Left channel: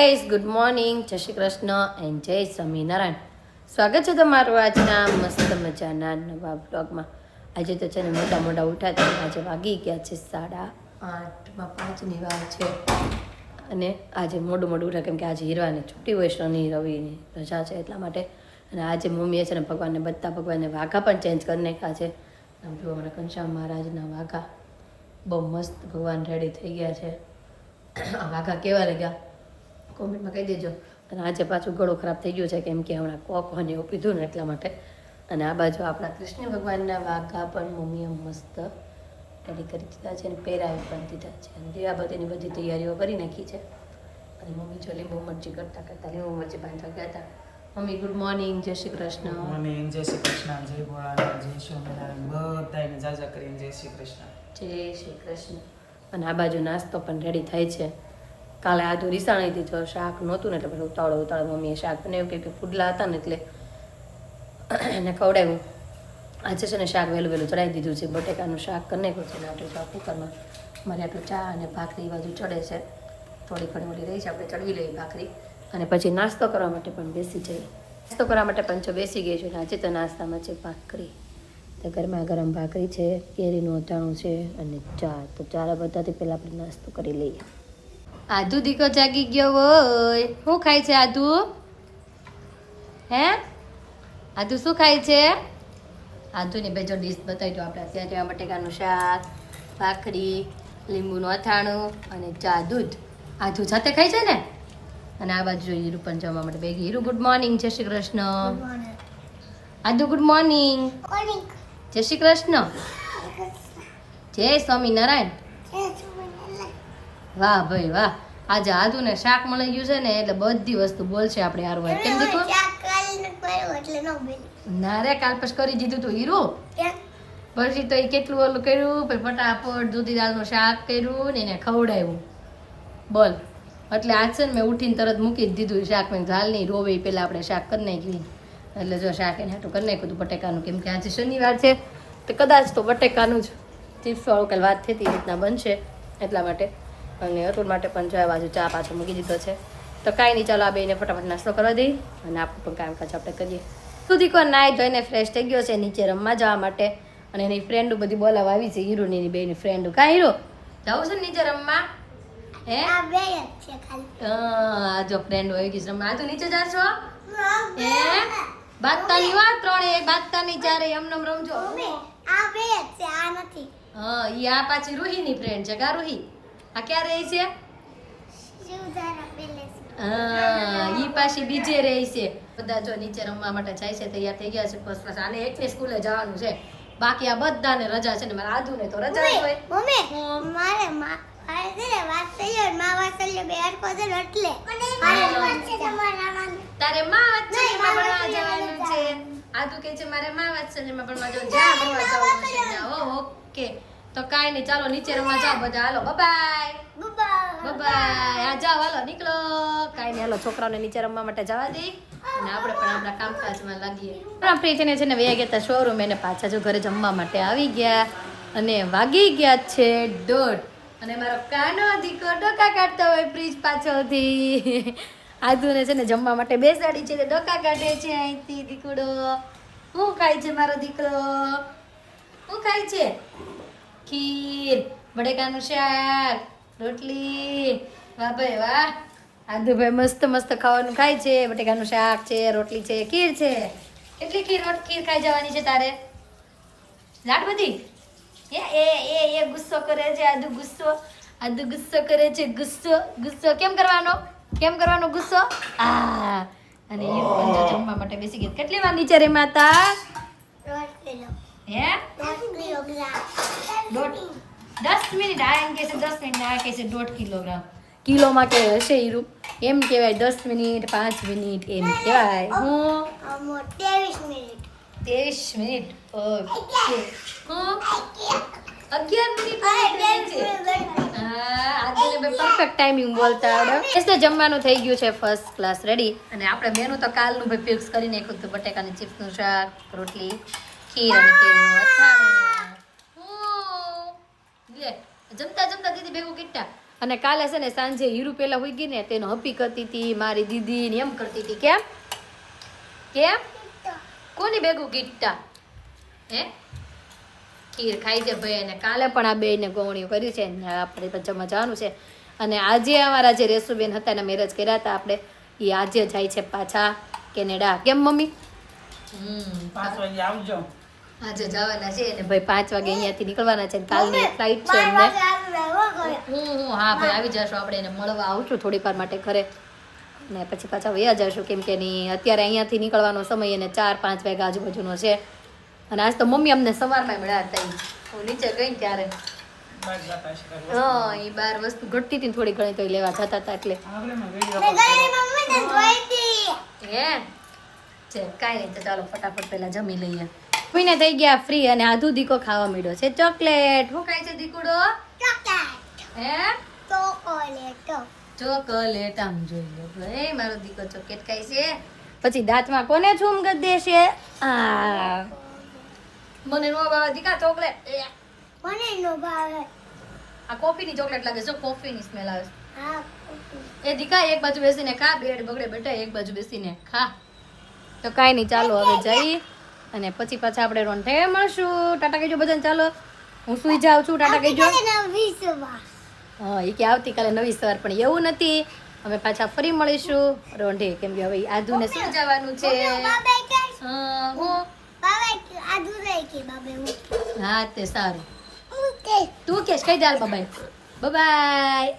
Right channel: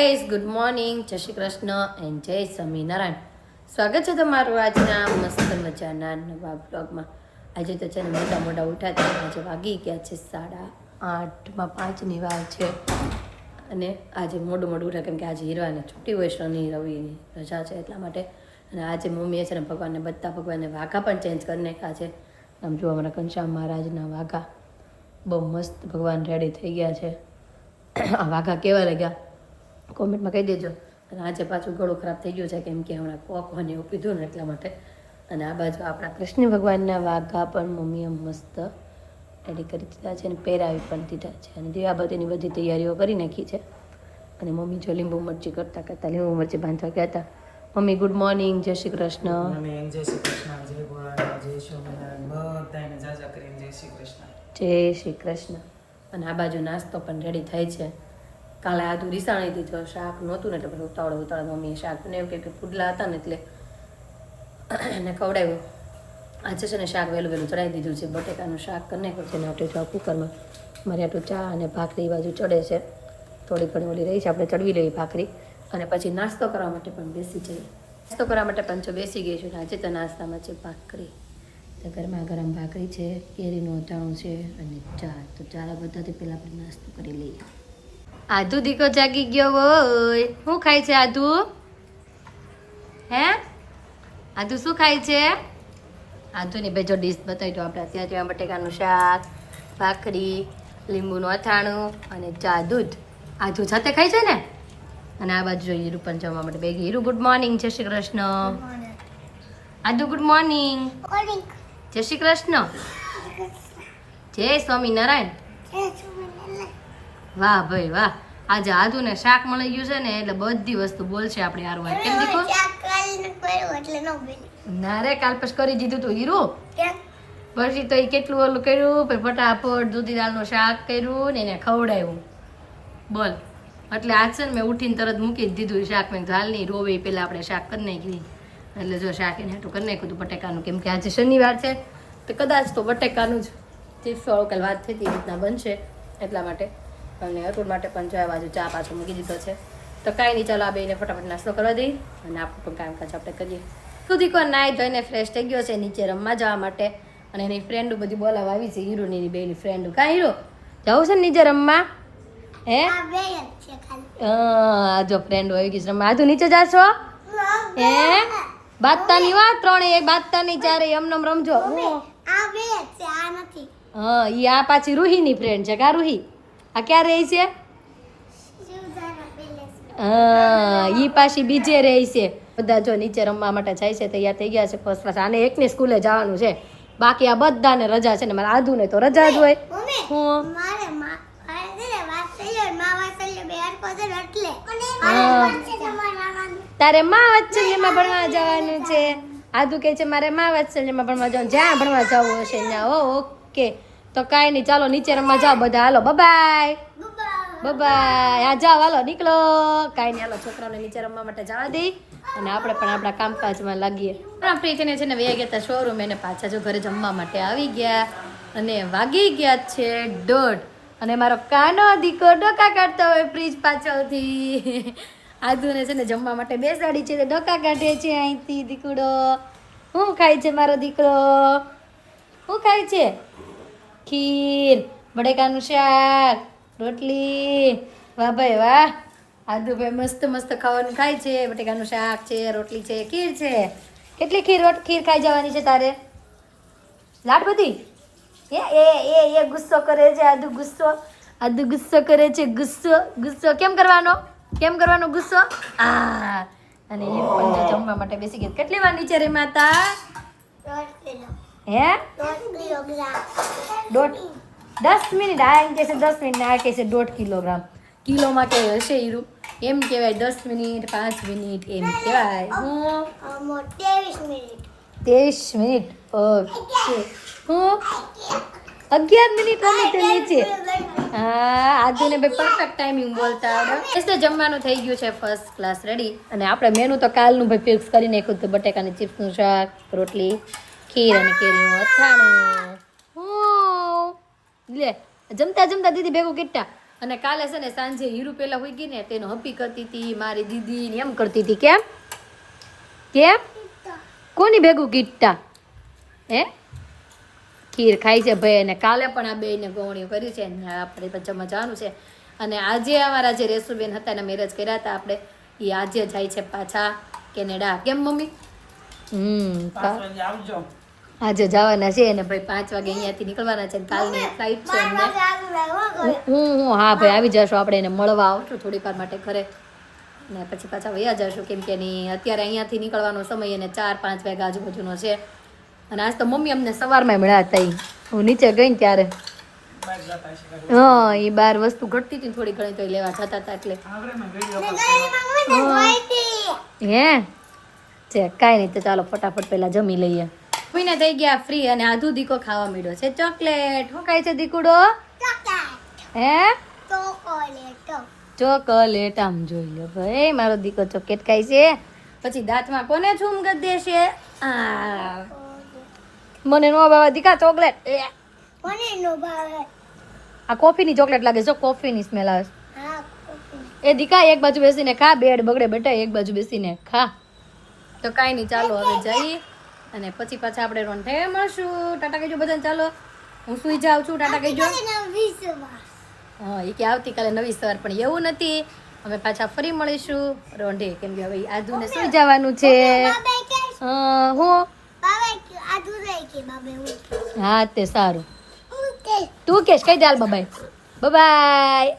Guys good morning, જય Shri Krishna and જય સ્વામિનારાયણ. સ્વાગત છે તમારું આજના મસ્ત મજાના નવા બ્લોગમાં. આજે તો છે ને મોટા મોટા ઉઠાતા, આજે વાગી ગયા છે 8:30, 5ની વાર છે. અને આજે મોડું ઉઠા કેમ કે આજે હીરવાને છૂટી હોય, શનિ રવિની રજા છે એટલા માટે. અને આજે મમ્મીએ છે ને ભગવાનને વાઘા પણ ચેન્જ કરી નાખ્યા છે. આમ જો અમારા ઘનશ્યામ મહારાજના વાઘા બહુ મસ્ત ભગવાન રેડી થઈ ગયા છે. આ વાઘા કેવા લાગ્યા કોમેન્ટમાં કહી દેજો. અને આજે પાછું ગળો ખરાબ થઈ ગયો છે કેમ કે હમણાં કોકોને એવું પીધું ને એટલા માટે. અને આ બાજુ આપણા કૃષ્ણ ભગવાનના વાઘા પણ મમ્મીએ મસ્ત રેડી કરી દીધા છે અને પહેરાવી પણ દીધા છે. અને દીવાબત્તીની બધી તૈયારીઓ કરી નાખી છે. અને મમ્મી જો લીંબુ મરચી કરતા લીંબુ મરચી બાંધવા ગયા હતા. મમ્મી ગુડ મોર્નિંગ, જય શ્રી કૃષ્ણ. મોર્નિંગ, જય શ્રી કૃષ્ણ, જય ભોળાનાથ, જય સ્વામિનારાયણ, બધાને જાજા કરીને જય શ્રી કૃષ્ણ. જય શ્રી કૃષ્ણ. અને આ બાજુ નાસ્તો પણ રેડી થાય છે. કાલે આધું રીસાણી હતી તો શાક નહોતું ને એટલે પછી ઉતાવળે મમ્મીએ શાક બનાવ્યું કે પુડલા હતા ને એટલે એને ખવડાવ્યું. આજે છે ને શાક વહેલું ચડાવી દીધું છે. બટેકાનું શાક કરી નાખ્યું છે ને આપણે તો કુકરમાં મારે આટલું ચા અને ભાખરી બાજુ ચડે છે. થોડી ઘણી ઓલી રહી છે, આપણે ચડવી લેવી ભાખરી અને પછી નાસ્તો કરવા માટે પણ બેસી જઈએ. નાસ્તો કરવા માટે પણ જો બેસી ગઈ છું. આજે તો નાસ્તામાં છે ભાખરી. તો ગરમા ગરમ ભાખરી છે, કેરીનું અથાણું છે અને ચા. તો ચારા બધાથી પહેલાં આપણે નાસ્તો કરી લઈએ. આધુ દીકો જાગી ગયો હોય. શું ખાય છે આધુ? હે આધુ શું ખાય છે? આધુની બેજો ડીશ બતાવી દો આપણે. ત્યાં બટેકાનું શાક, ભાખરી, લીંબુનું અથાણું અને ચા દૂધ. આધુ સાથે ખાય છે ને. અને આ બાજુ જોઈએ હીરુ પણ જમવા માટે બે. હીરુ ગુડ મોર્નિંગ, જય શ્રી કૃષ્ણ. આધુ ગુડ મોર્નિંગ, જય શ્રી કૃષ્ણ, જય સ્વામિનારાયણ. વાહ ભાઈ વાહ. આજે આધુ ને શાક મળી ગયું છે ને એટલે બધી વસ્તુ બોલશે આપણે હારું હોય. કેમ દીકો? ના રે, કાલ પછી કરી દીધું તું હીરુ. પછી તો એ કેટલું ઓલું કર્યું, પછી ફટાફટ દૂધી દાળનું શાક કર્યું ને એને ખવડાવ્યું. બોલ. એટલે આજ છે ને મેં ઉઠીને તરત મૂકી જ દીધું શાક. મેં હાલ નહીં રોવે પહેલાં આપણે શાક કરી નાખ્યું. એટલે જો શાક એને હાટું કરી નાખ્યું હતું બટેકાનું. કેમ કે આજે શનિવાર છે તો કદાચ તો બટેકાનું જ ચિપ્સ વાળું કાલ વાત થઈ હતી એ રીતના બનશે એટલા માટે. અને અતુલ માટે પણ જો બાજુ ચા પાછો મૂકી દીધો છે. તો કાંઈ નહીં, ચાલો આ બેને ફટાફટ નાસ્તો કરવા દઈ અને આપણું પણ કામકાજ આપણે કરીએ. સુધી કોઈ નાઈ ધોઈને ફ્રેશ થઈ ગયો છે નીચે રમવા જવા માટે. અને એની ફ્રેન્ડો બધી બોલાવા આવી છે. હીરોની એની બેની ફ્રેન્ડો. કાં હીરો જવું છે ને નીચે રમવા? હે હા, જો ફ્રેન્ડો આવી ગઈ છે રમવા. આજુ નીચે જાશો? હે બાદતાની વાત 3 બાદતાની 4 એમનેમ રમજો. હા, ઈ આ પાછી રૂહીની ફ્રેન્ડ છે. કા રૂહી? આ ક્યાં રહી છે? હા, ઈ પાછી બીજે રહી છે. બધા જો નીચે રમવા માટે જાય છે, તૈયાર થઈ ગયા છે ફર્સ્ટ ક્લાસ. આને એકને સ્કૂલે જવાનું છે, બાકી આ બધાને રજા છે ને. મારે આધુ ને તો રજા જ હોય. તારે માં વાત્સલ્યમાં ભણવા જવાનું છે. આધુ કે છે મારે માં વાત્સલ્યમાં ભણવા જવાનું. જ્યાં ભણવા જવું હશે ત્યાં. ઓકે, તો કાંઈ નહીં, ચાલો નીચે રમવા જાઓ બધા. હાલો બાય બાય. હા જાઓ, હાલો નીકળો. કાંઈ નહીં, હાલો છોકરાઓને નીચે રમવા માટે જવા દઈ અને આપણે પણ આપણા કામકાજમાં લાગીએ. ફ્રી થઈને છે ને વયા ગયા હતા શોરૂમ. એને પાછા જો ઘરે જમવા માટે આવી ગયા અને વાગી ગયા છે 1:30. અને મારો કાનો દીકો ડોકા કાઢતો હોય ફ્રીજ પાછળથી. આધુને છે ને જમવા માટે બેસાડી છે, ડોકા કાઢે છે અહીંથી. દીકડો શું ખાય છે મારો દીકરો? શું ખાય છે? ખીર, બટેકાનું શાક, રોટલી. વાહ ભાઈ વાહ. આધુ ભાઈ મસ્ત મસ્ત ખાવાનું ખાય છે. બટેકાનું શાક છે, રોટલી છે, ખીર છે. કેટલી ખીર ખાઈ જવાની છે તારે? લાડ બધી? એ ગુસ્સો કરે છે આધુ. ગુસ્સો કરે છે. ગુસ્સો કેમ કરવાનો ગુસ્સો? અને એ પણ જો જમવા માટે બેસી ગયા. કેટલી વાર નીચે રેમાં હતા? 10 મિનિટ. આ એમ કે છે 10 મિનિટ, આ કે છે 1.5 કિલોગ્રામ. કિલોમાં કે હશે હીરું? એમ કહેવાય 10 મિનિટ, 5 મિનિટ એમ કહેવાય. હું 23 મિનિટ. ઓકે. હું 11 મિનિટ નીચે. હા, આજને બે પરફેક્ટ ટાઈમિંગ બોલતા આવડે. એટલે જમવાનું થઈ ગયું છે ફર્સ્ટ ક્લાસ રેડી. અને આપણે મેનુ તો કાલનું ભાઈ ફિક્સ કરી નાખ્યું હતું. બટેકાની ચિપ્સનું શાક, રોટલી, ખીર અને કેરીનું અથાણું. લે જમતા દીદી ભેગું કેટલા અને કાલે છે ને સાંજે હીરુ પેલા હોઈ ગઈ ને તેનો હપી કરતી હતી મારી દીદી ને એમ કરતી હતી. કેમ કેમ કોની ભેગું ગીટતા હે ખીર ખાઈ છે ભાઈ. અને કાલે પણ આ બેને ગોવણીઓ કર્યું છે ને આપણે જમવા જવાનું છે. અને આજે અમારા જે રેસુબેન હતા એના મેરેજ કર્યા હતા આપણે એ આજે જાય છે પાછા કેનેડા. કેમ મમ્મી? 5 વાગે આવજો. આજે જવાના છે અને ભાઈ 5 વાગે અહીંયાથી નીકળવાના છે. કાલની ફ્લાઇટ છે એમને. હા ભાઈ આવી જશું આપણે એને મળવા આવશું થોડીક વાર માટે ઘરે ને પછી પાછા વયા જશું કેમ કે અત્યારે અહીંયાથી નીકળવાનો સમય અને 4-5 વાગ્યા આજુબાજુનો છે. અને આજ તો મમ્મી અમને સવારમાં મળ્યા હતા. હું નીચે ગઈ ને ત્યારે હા એ બાર વસ્તુ ઘટતી હતી થોડી ઘણી તો લેવા જતા હતા એટલે હે છે કાંઈ નહીં. તો ચાલો ફટાફટ પહેલા જમી લઈએ. કોઈને થઈ ગયા ફ્રી અને આધુ દીકો ખાવા મળ્યો છે ચોકલેટ. શું ખાય છે દીકુડો? હે ચોકલેટ. આમ જોઈ લો ભાઈ મારો દીકો ચોકલેટ ખાય છે. પછી દાંતમાં કોને છૂમ કરી દેશે? આ મને નો ભાવે દીકા ચોકલેટ. આ કોફીની ચોકલેટ લાગે છે. કોફીની સ્મેલ આવે છે. એ દીકા એક બાજુ બેસીને ખા. બેડ બગડે બેટા એક બાજુ બેસીને ખા. તો કાંઈ નહીં ચાલો હવે જઈએ અને પછી પાછા આપણે રોંઠે મળશું. ટાટા કહેજો બધાને. ચાલો હું સુઈ જાઉં છું. ટાટા કહેજો. હા એ કે આવતીકાલે નવી સવાર પણ એવું નથી. અમે પાછા ફરી મળીશું રોંઢે કેમ કે હવે આધુને સુઈ જવાનું છે. હું હા તે સારું તું કેશ કઈ દાલ બાબાઈ બાબાઈ.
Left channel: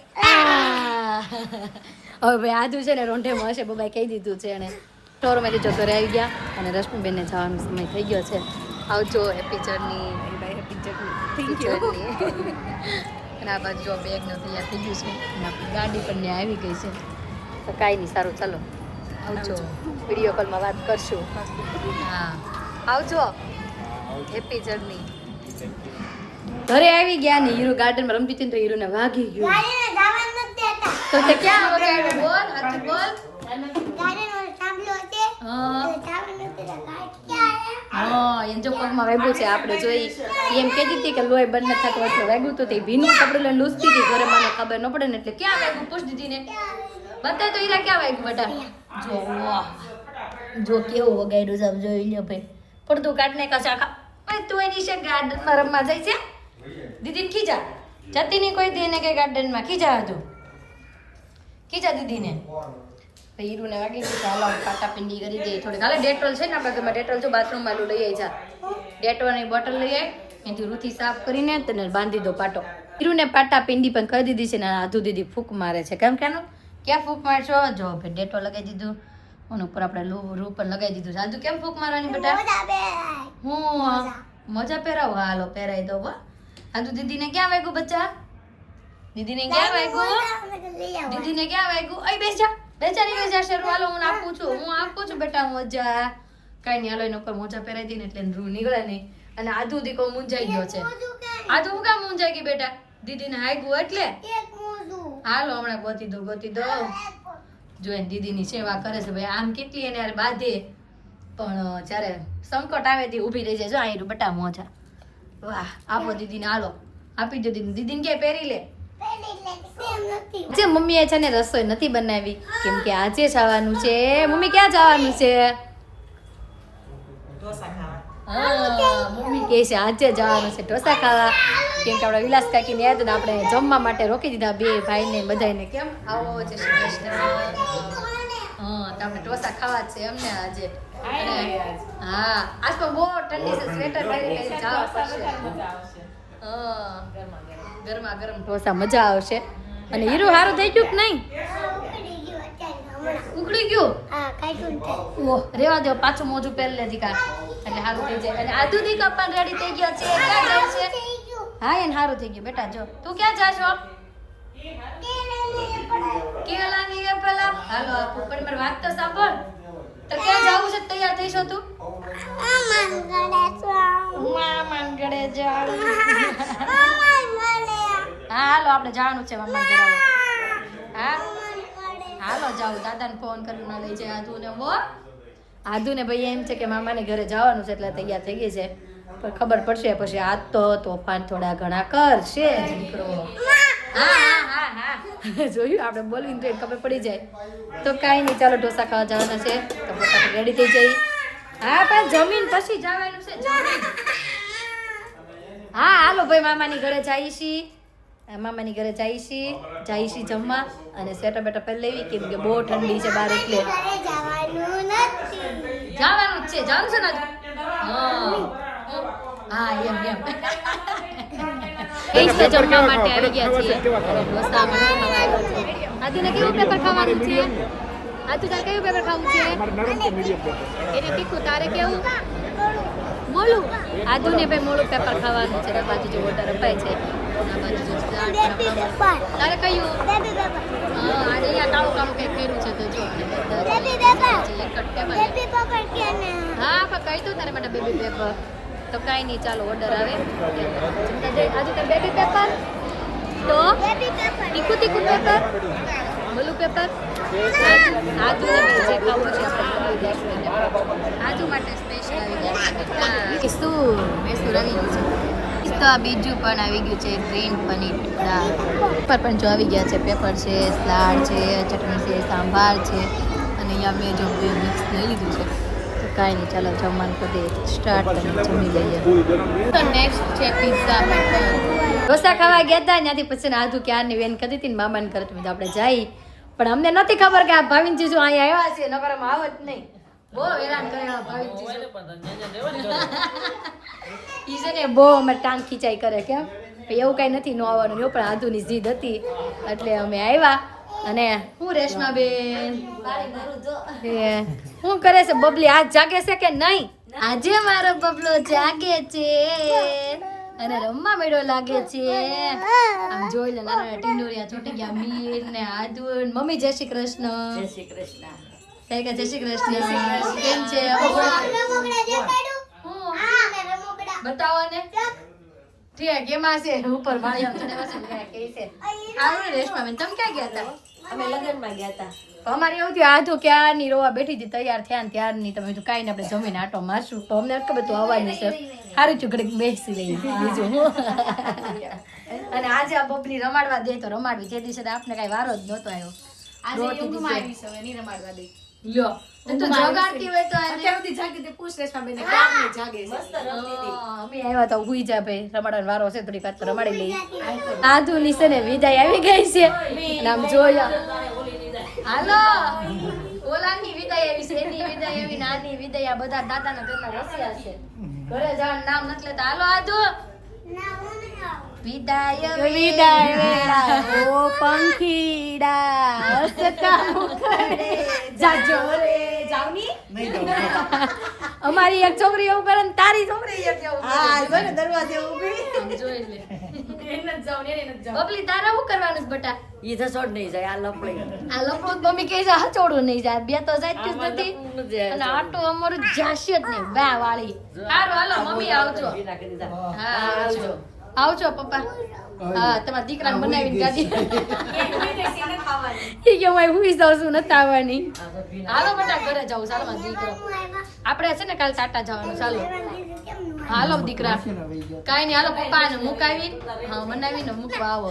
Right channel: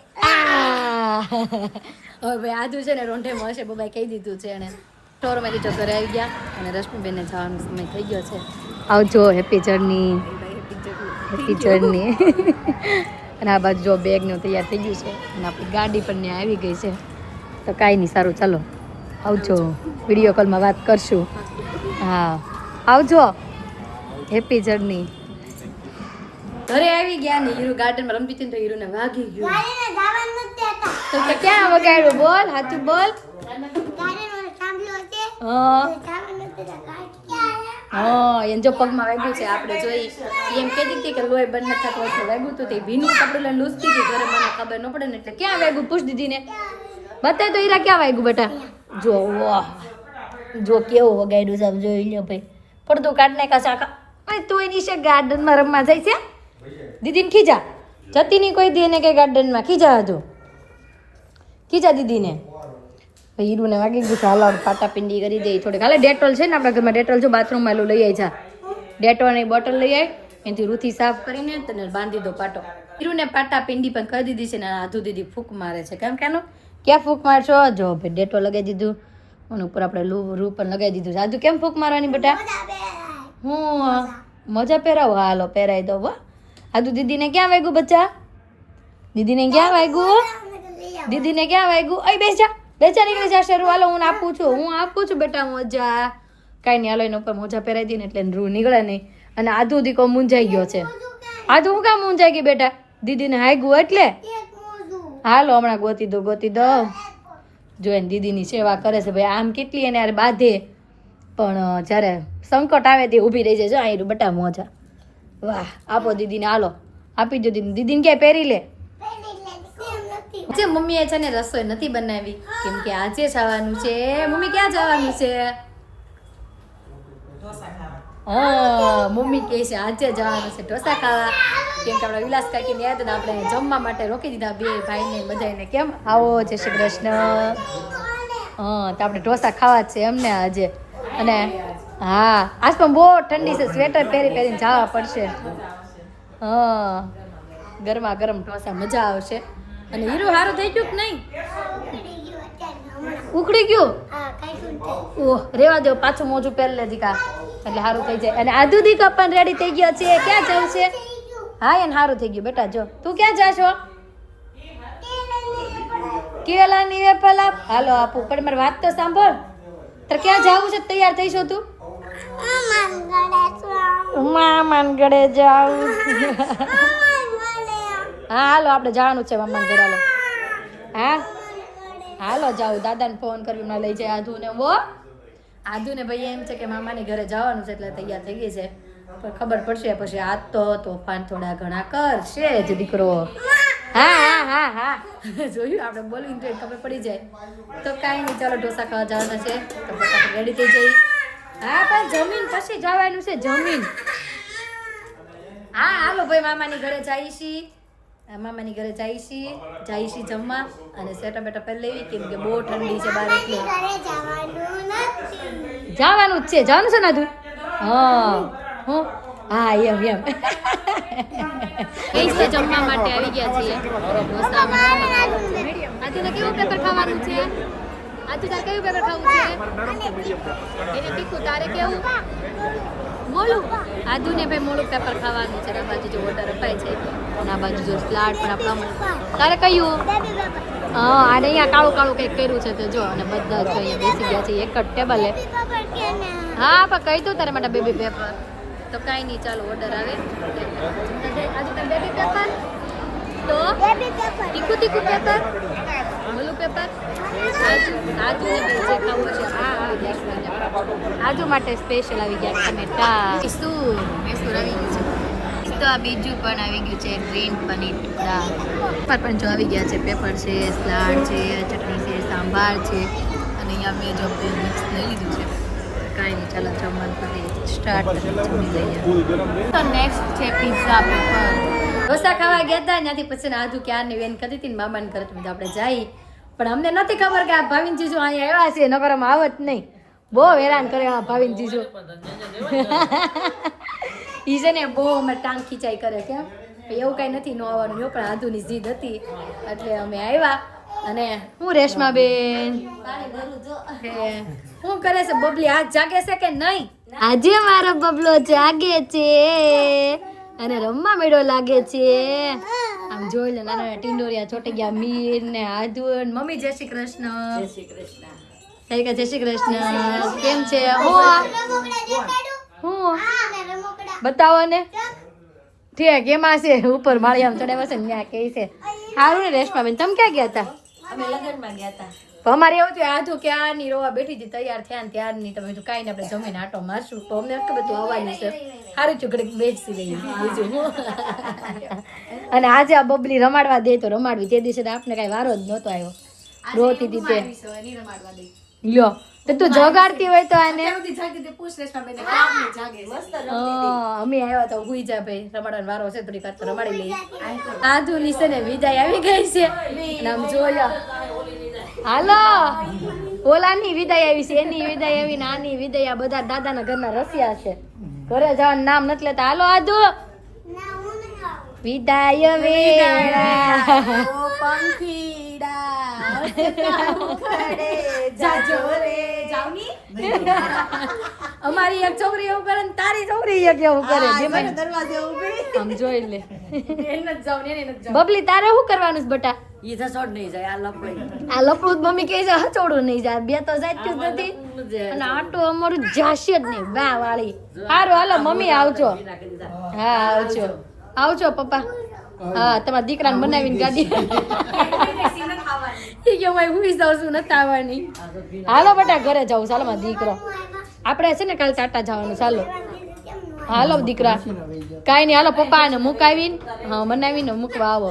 હવે ભાઈ આધુ છે ને રોંઢે મળશે બાબાઈ કહી દીધું છે એને. સ્ટોરમાંથી જો ઘરે આવી ગયા અને રશ્મિબેનને જવાનો સમય થઈ ગયો છે. આવજો. Happy journey. Happy journey. અને આ બાજુ જો બેગનું તૈયાર થઈ ગયું છે અને આપણી ગાડી પણ ત્યાં આવી ગઈ છે. તો કાંઈ નહીં સારું ચાલો આવજો. વિડીયો કોલમાં વાત કરશું. હા આવજો. Happy journey. ઘરે આવી ગયા ને હીરો ગાર્ડનમાં રમતી હતી ને તો હીરોને વાગી ગયું. તો તે ક્યાં વગાડ્યો? બોલ હાથું બોલ. હા એને જો પગમાં વાગ્યું છે. આપણે જોઈ એમ કહેતી હતી કે લોહી બંધ નથી થતો એટલે વાગ્યું તો તે ભીનું કપડું લઈને લૂસતી હતી ઘરે. મને ખબર ન પડે ને એટલે ક્યાં વાગ્યું પૂછ દીધી ને બતાય તો હીરા ક્યાં વાગ્યું બેટા? જો વાહ જો કેવું વગાડ્યું છે. આમ જોઈ લ્યો ભાઈ. પડતું કાઢ નાખા શાખા. તું એની છે ગાર્ડનમાં રમવા જાય છે. દીદીને ખીજા જતી નહીં કોઈ દી એને કે ગાર્ડનમાં ખીજા હતું. ખીજા દીદીને. હીરુને વાગી ગયું. હાલો પાટા પિંડી કરી દે થોડીક. હાલે ડેટોલ છે ને આપણા ઘરમાં ડેટોલ જો બાથરૂમમાં એલું લઈ આવી છે. ડેટોલની બોટલ લઈ આવી એનાથી રૂથી સાફ કરીને તને બાંધી દો પાટો. હીરુને પાટા પિંડી પણ કરી દીધી છે ને આધુ દીદી ફૂંક મારે છે. કેમ કેનું ક્યાં ફૂંક મારશો? જો ભાઈ ડેટોલ લગાવી દીધું અને ઉપર આપણે રૂ પણ લગાવી દીધું. આધુ કેમ ફૂંક મારવાની બેટા? હું મોજા પહેરાવો. હાલો પહેરાવી દો. આધુ દીદીને ક્યાં વાગ્યું બચ્ચા? દીદીને ક્યાં વાગ્યું? દીદીને ક્યાં વાગ્યું? અય બેસ જા બેચા નીકળી જશે. હાલો હું આપું છું બેટા મોજા. કાંઈ નહીં હાલો એના ઉપર મોજા પહેરાવી દઈએ ને એટલે રૂ નીકળે નહીં. અને આધુ દીકો મૂંઝાઈ ગયો છે. આધુ હું કામ મૂંઝાઈ ગઈ બેટા? દીદીને હાગ્યું એટલે. હાલો હમણાં ગોતી દો. જો એને દીદીની સેવા કરે છે ભાઈ. આમ કેટલી એને યાર બાંધે પણ જ્યારે સંકટ આવે તે ઊભી રહી જાય. જો અહીં બટા મોજા. વાહ આપો દીદીને. હાલો આપી દો દીદીને. દીદીને ક્યાંય પહેરી લે. જે મમ્મીએ છે ને રસોઈ નથી બનાવી કેમ કે આજે જવાનું છે. મમ્મી ક્યાં જવાનું છે? હા મમ્મી કહે છે આજે જવાનું છે ઢોસા ખાવા. કેમ કે આપણા વિલાસ કાકીને યાદ ને આપણે જમવા માટે રોકી દીધા બે ભાઈને બધાને. કેમ આવો જય શ્રી કૃષ્ણ. હા તો આપણે ઢોસા ખાવા જ છે એમને આજે. અને હા આજ પણ બહુ ઠંડી છે. સ્વેટર પહેરીને જવા પડશે. હા ગરમા ગરમ ઢોસા મજા આવશે. અને હીરો સારું થઈ ગયું કે નહીં? ઉખડી ગયું? ઓહ રેવા દો પાછું મોજું પહેરી લે દીકા એટલે સારું થઈ જાય. અને આધુ દીકા પણ રેડી થઈ ગયા છે. ક્યાં જવું છે? હા એને સારું થઈ ગયું બેટા. જો તું ક્યાં જાશો? કેલાની એપલ આપ. હાલો આપું પણ મારી વાત તો સાંભળ. તો ક્યાં જવું છે? તૈયાર થઈશો તું? મામાન ગળે જાવું. હા હાલો આપણે જવાનું છે મામાન ઘરે. હાલો હા હાલો જાવ. દાદાને ફોન કરીને લઈ જાય આધુને. આધુને ભાઈ એમ છે કે મામાને ઘરે જવાનું છે એટલે તૈયાર થઈ ગઈ છે. પણ ખબર પડશે પછી. આજ તો તોફાન થોડા ઘણા કરશે જ દીકરો. હા જોયું આપણે બોલવી તો ખબર પડી જાય તો કાંઈ નહીં ચાલો ઢોસા ખાવા જવાના છે તો ફટાફટ રેડી થઈ જઈ હા પણ જમીન પછી જવાનું છે જમીન હા હાલો ભાઈ મામાની ઘરે જઈશી મામાની ઘરે જઈશી જમવા અને સેટા બેટા પહેરી લેવી કેમ કે બહુ ઠંડી છે બહાર એટલે જવાનું જ છે જવાનું છે ને તું હું હા એમ એ તો જમવા માટે આવી ગયા છીએ અને ઢોસા મને ખાવા આવ્યા છે આદુને કેવું પેપર ખાવાનું છે આદુ તારે કયું પેપર ખાવું છે એને તીખું તારે કેવું મોળું આદુને ભાઈ મોળું પેપર ખાવાનું છે આ બાજુ જો ઓર્ડર અપાય છે આ બાજુ જો સ્લાડ પણ આપણા તારે કયું હા અને અહીંયા કાળું કાળું કંઈક કર્યું છે તો જો અને બધા છે એક જ ટેબલ હા પણ કહી દઉં તારે માટે બેબી પેપર તો કાંઈ નહીં ચાલો ઓર્ડર આવે આજે તારે બેબી પેપર તો તીખું તીખું પેપર મોલું પેપર આજુ ને ભાઈ જે ખાવું હશે આપણે બનાવી દઈશું એને આજુ માટે સ્પેશિયલ આવી ગયા ટમેટા કિસ્તુર આવી ગયું છે તો આ બીજું પણ આવી ગયું છે ગ્રીન પનીર ટુકડા પર પણ જો આવી ગયા છે પેપર છે સલાડ છે ચટણી છે સાંભાર છે અને અહીંયા મેં જો મિક્સ લઈ લીધું છે કાંઈ નહીં ચાલો જમવાનું કરી દઈએ સ્ટાર્ટ કરીને જમી લઈએ તો નેક્સ્ટ છે પિઝા પેપર ઢોસા ખાવા ગયા હતા ત્યાંથી પછી આજુ ક્યારની વેન કરી હતી ને મામાને ઘરે તો આપણે જઈ પણ અમને નથી ખબર કે આ ભાવિન જીજુ અહીંયા આવ્યા છે નકર આમ આવત નહીં બહુ હેરાન કરે આ ભાવિન જીજુ ઈ છે ને બહુ અમે ટાંગ ખીચાઈ કરે કેમ એવું કાંઈ નથી ન આવવાનું એવું પણ આધુની જીદ હતી એટલે અમે આવ્યા અને હું રેશમાબેન શું કરે છે બબલી આજ જાગે છે કે નહીં આજે મારો બબલો જાગે છે અને રમવા મેળો લાગે છે આમ જોઈ લે નાના ટીંડોરિયા ચોટી ગયા મીર ને આદુ મમ્મી જય શ્રી કૃષ્ણ જય શ્રી કૃષ્ણ જય શ્રી કૃષ્ણ કેમ છે બતાવો ને ઠીક એમાં છે ઉપર માળી આમ ચડાવે છે ને કે છે સારું ને રેશમાબેન તમે ક્યાં ગયા હતા અમે લગ્નમાં ગયા હતા અમારે એવું થયું આધું ક્યારની રોવા બેઠી હતી તૈયાર થયા ને ત્યારની તમે તો કાંઈ ને આપણે જમીને આટો મારશું તો અમને ખબર તું આવવાની છે સારું છું ઘડીક બેસી રહી બીજું અને આજે આ બબલી રમાડવા દે તો રમાડવી તે દિવસે તો આપણે કાંઈ વારો જ નહોતો આવ્યો રોતી હતી લ્યો તો તું જગાડતી હોય તો આને અમે આવ્યા તો હુઈ જા ભાઈ રમાડવાનો વારો છે થોડીક વાર તો રમાડી લઈ આધુની છે ને વિદાય આવી ગઈ છે અને આમ જોયા હાલો ઓલાની વિદાય આવી છે એની વિદાય આવી નાની વિદાય આ બધા દાદાના ઘરના રસિયા છે ઘરે જવાનું નામ નથી લેતા હાલો આધુ વિદાય ઓ પંખીડા જાજો રે જાવની અમારી એક છોકરી એવું કરે ને તારી છોકરી એક એવું કરે દરવાજે ઊભી આમ જોઈ લે બબલી તારે શું કરવાનું છે બટા ઈ થસોડ નહીં જાય આ લપડી આ લપડું મમ્મી કહે છે હચોડું નહીં જાય બે તો જાય જ નથી અને આટું અમારું જાશે જ નહીં બે વાળી હારું હાલો મમ્મી આવજો હા આવજો આવજો પપ્પા હા તમારા દીકરાને બનાવીને ગાડી એ કે હું હુઈ જાઉં છું નથી આવવાની હાલો બેટા ઘરે જાઉં ચાલો મારો દીકરો આપણે છે ને કાલે ટાટા જવાનું ચાલો હાલો દીકરા કાંઈ નહીં હાલો પપ્પાને મુકાવીને હા બનાવીને મૂકવા આવો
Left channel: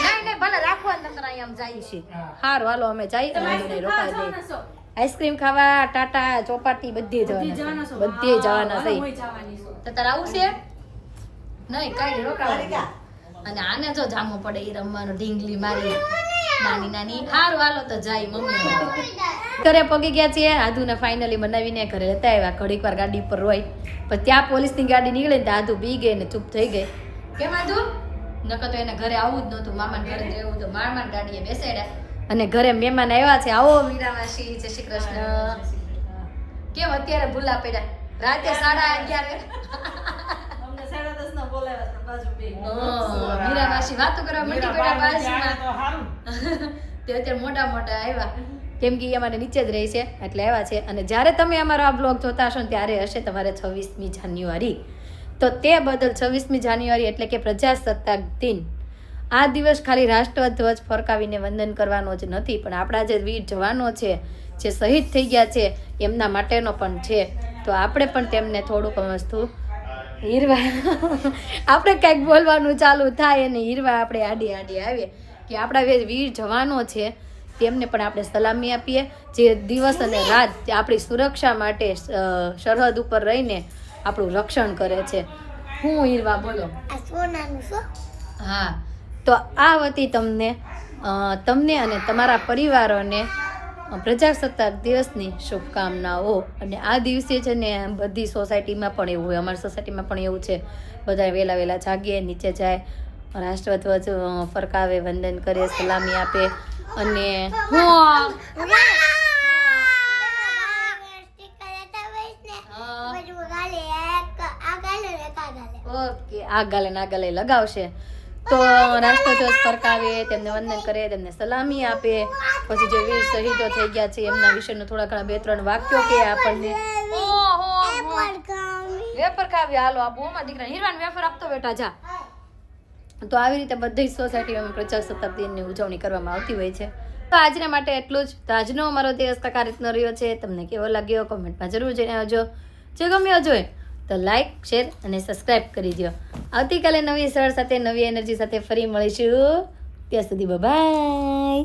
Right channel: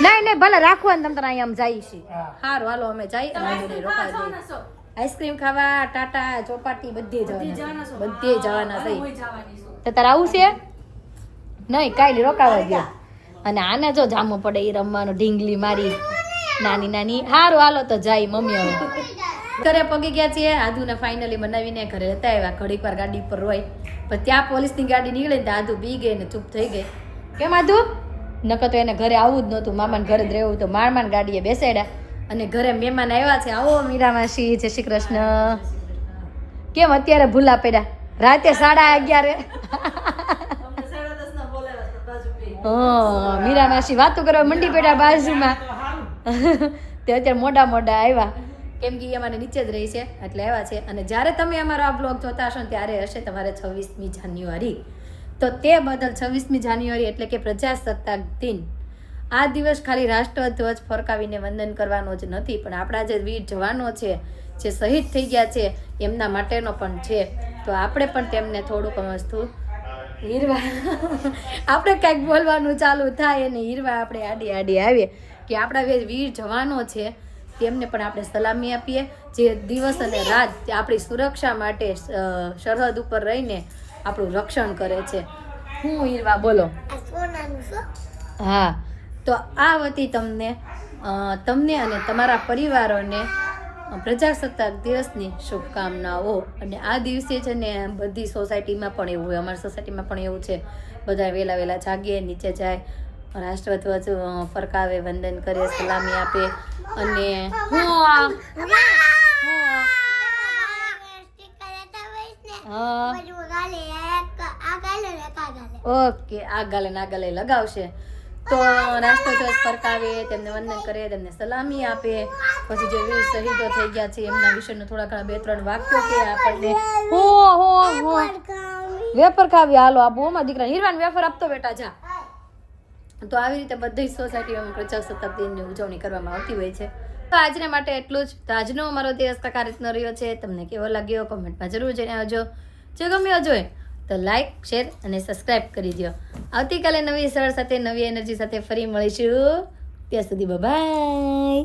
નહીં ભલે રાખવાનું તમે અહીંયા આમ જાય છે સારું હાલો અમે જઈ અને રોકાઈ દઈએ આઈસ્ક્રીમ ખાવા ટાટા ચોપાટી બધે જવાના થઈ તો તારે આવું છે નહીં કાંઈ રોકાવા ગયા અને આને જો જામો પડે એ રમવાનો ઢીંગલી મારી નાની નાની હારું હાલો તો જાય મમ્મી ઘરે પગી ગયા છીએ આધુને ફાઇનલી બનાવીને ઘરે લેતા આવ્યા ઘડીક વાર ગાડી પર રોય પણ ત્યાં પોલીસની ગાડી નીકળે ને આધુ બી ગઈ ને ચૂપ થઈ ગઈ કેમ આધુ નકર તો એને ઘરે આવવું જ નહોતું મામાને ઘરે જ રહેવું તો મારમાન ગાડીએ બેસાડ્યા અને ઘરે મહેમાન આવ્યા છે આવો મીરા માસી જય શ્રી કૃષ્ણ કેમ અત્યારે ભૂલા પડ્યા રાતે 11:30 મીરા માસી વાતો કરવા મંડી પડ્યા બાજુમાં તે અત્યારે મોટા આવ્યા કેમ કે અમારે નીચે જ રહી છે એટલે આવ્યા છે અને જ્યારે તમે અમારો આ બ્લોગ જોતા હશો ને ત્યારે હશે તમારે 26મી જાન્યુઆરી તો તે બદલ 26મી જાન્યુઆરી એટલે કે પ્રજાસત્તાક દિન આ દિવસ ખાલી રાષ્ટ્રધ્વજ ફરકાવીને વંદન કરવાનો જ નથી પણ આપણા જે વીર જવાનો છે જે શહીદ થઈ ગયા છે એમના માટેનો પણ છે તો આપણે પણ તેમને થોડુંક વસ્તુ હીરવા આપણે કંઈક બોલવાનું ચાલુ થાય અને હીરવા આપણે આડી આડી આવીએ કે આપણા વીર જવાનો છે તેમને પણ આપણે સલામી આપીએ જે દિવસ અને રાત તે આપણી સુરક્ષા માટે સરહદ ઉપર રહીને આપણું રક્ષણ કરે છે. હું હીરવા બોલો. હા, તો આ વતી તમને અને તમારા પરિવારોને પ્રજાસત્તાક દિવસની શુભકામનાઓ. અને આ દિવસે છે ને બધી સોસાયટીમાં પણ એવું હોય, અમારી સોસાયટીમાં પણ એવું છે, બધા વહેલા જાગીએ, નીચે જાય, રાષ્ટ્રધ્વજ ફરકાવે, વંદન કરે, સલામી આપે. અને ઓકે, આ ગાલે લગાવશે તો રાષ્ટ્રધ્વજ ફરકાવે, તેમને વંદન કરે, તેમને સલામી આપે. પછી જે વીર શહીદો થઈ ગયા છે એમના વિશેનું થોડા ઘણા 2-3 વાક્યો કે આપણને. વેફર ખાવી. હાલો આ બહુમાં દીકરા હીરવાન વેફર આપતો બેટા જા. તો આવી રીતે બધી સોસાયટીઓમાં પ્રજાસત્તાક દિનની ઉજવણી કરવામાં આવતી હોય છે. તો આજના માટે એટલું જ. તો આજનો અમારો દિવસ કાંઈક આ રીતનો રહ્યો છે. તમને કેવો લાગ્યો કોમેન્ટમાં જરૂર જણાવજો. જો ગમ્યો જોઈએ તો લાઈક, શેર અને સબસ્ક્રાઈબ કરી દો. આવતીકાલે નવી સર સાથે, નવી એનર્જી સાથે ફરી મળીશું. ત્યાં સુધી બાય.